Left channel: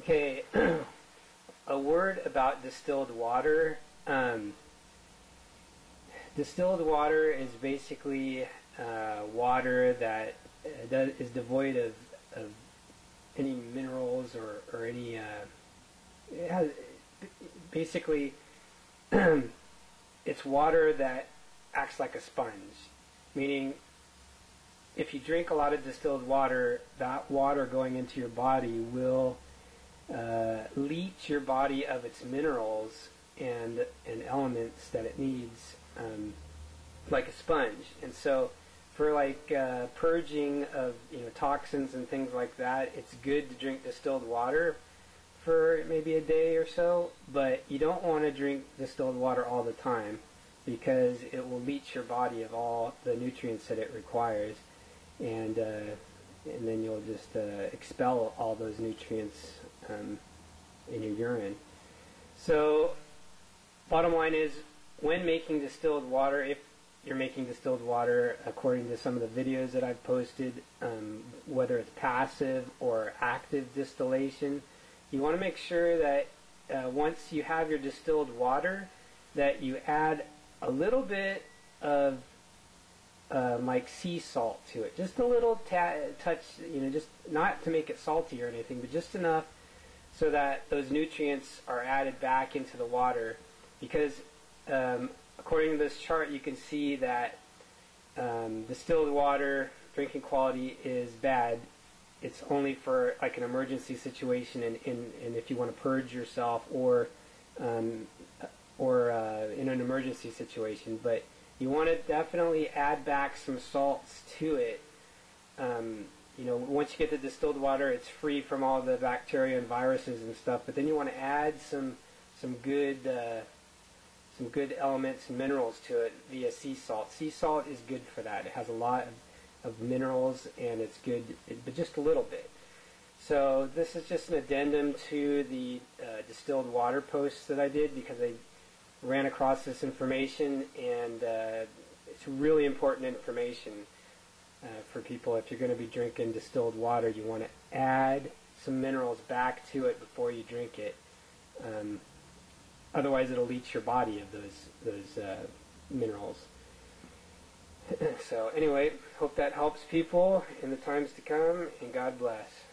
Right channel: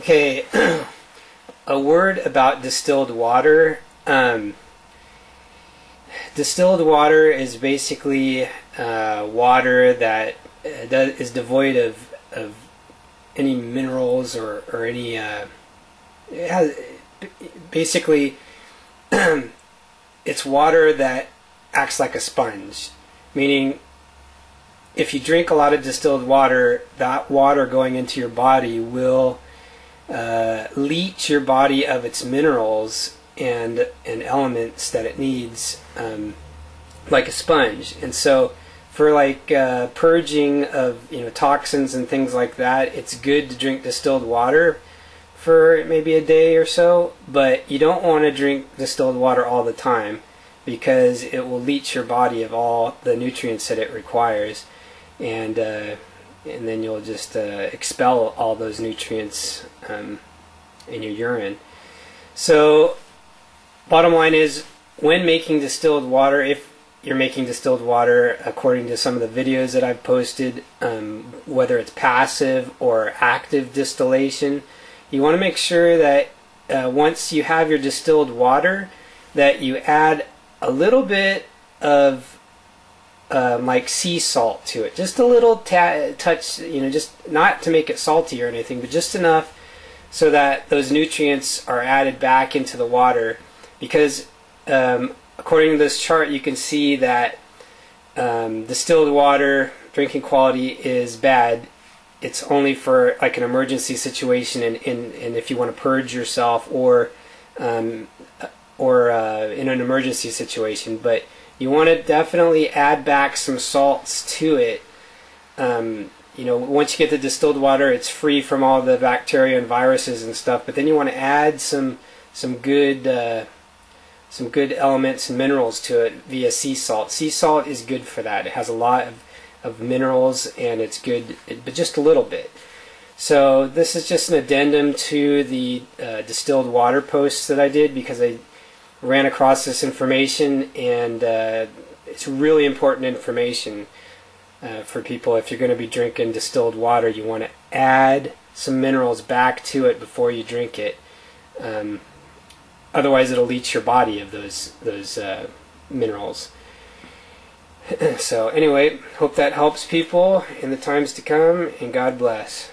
Okay, a word about distilled water. Distilled water is basically water that is devoid of any minerals or any. It has, basically, it's water that acts like a sponge, meaning if you drink a lot of distilled water, that water going into your body will leach your body of its minerals and elements that it needs, like a sponge. And so for like purging of toxins and things like that, it's good to drink distilled water for maybe a day or so, but you don't want to drink distilled water all the time because it will leach your body of all the nutrients that it requires, and then you'll just expel all those nutrients in your urine. So bottom line is, when making distilled water, if you're making distilled water according to some of the videos that I've posted, whether it's passive or active distillation, you want to make sure that once you have your distilled water, that you add a little bit of like sea salt to it, just a little touch, just not to make it salty or anything, but just enough so that those nutrients are added back into the water. Because according to this chart, you can see that distilled water drinking quality is bad. It's only for like an emergency situation, and if you want to purge yourself, or in an emergency situation. But you want to definitely add back some salts to it. Once you get the distilled water, it's free from all the bacteria and viruses and stuff. But then you want to add some good elements and minerals to it via sea salt. Sea salt is good for that. It has a lot of minerals, and it's good, but just a little bit. So this is just an addendum to the distilled water posts that I did, because I ran across this information, and it's really important information for people. If you're going to be drinking distilled water, you want to add some minerals back to it before you drink it. Otherwise, it'll leach your body of those minerals. So anyway, hope that helps people in the times to come, and God bless.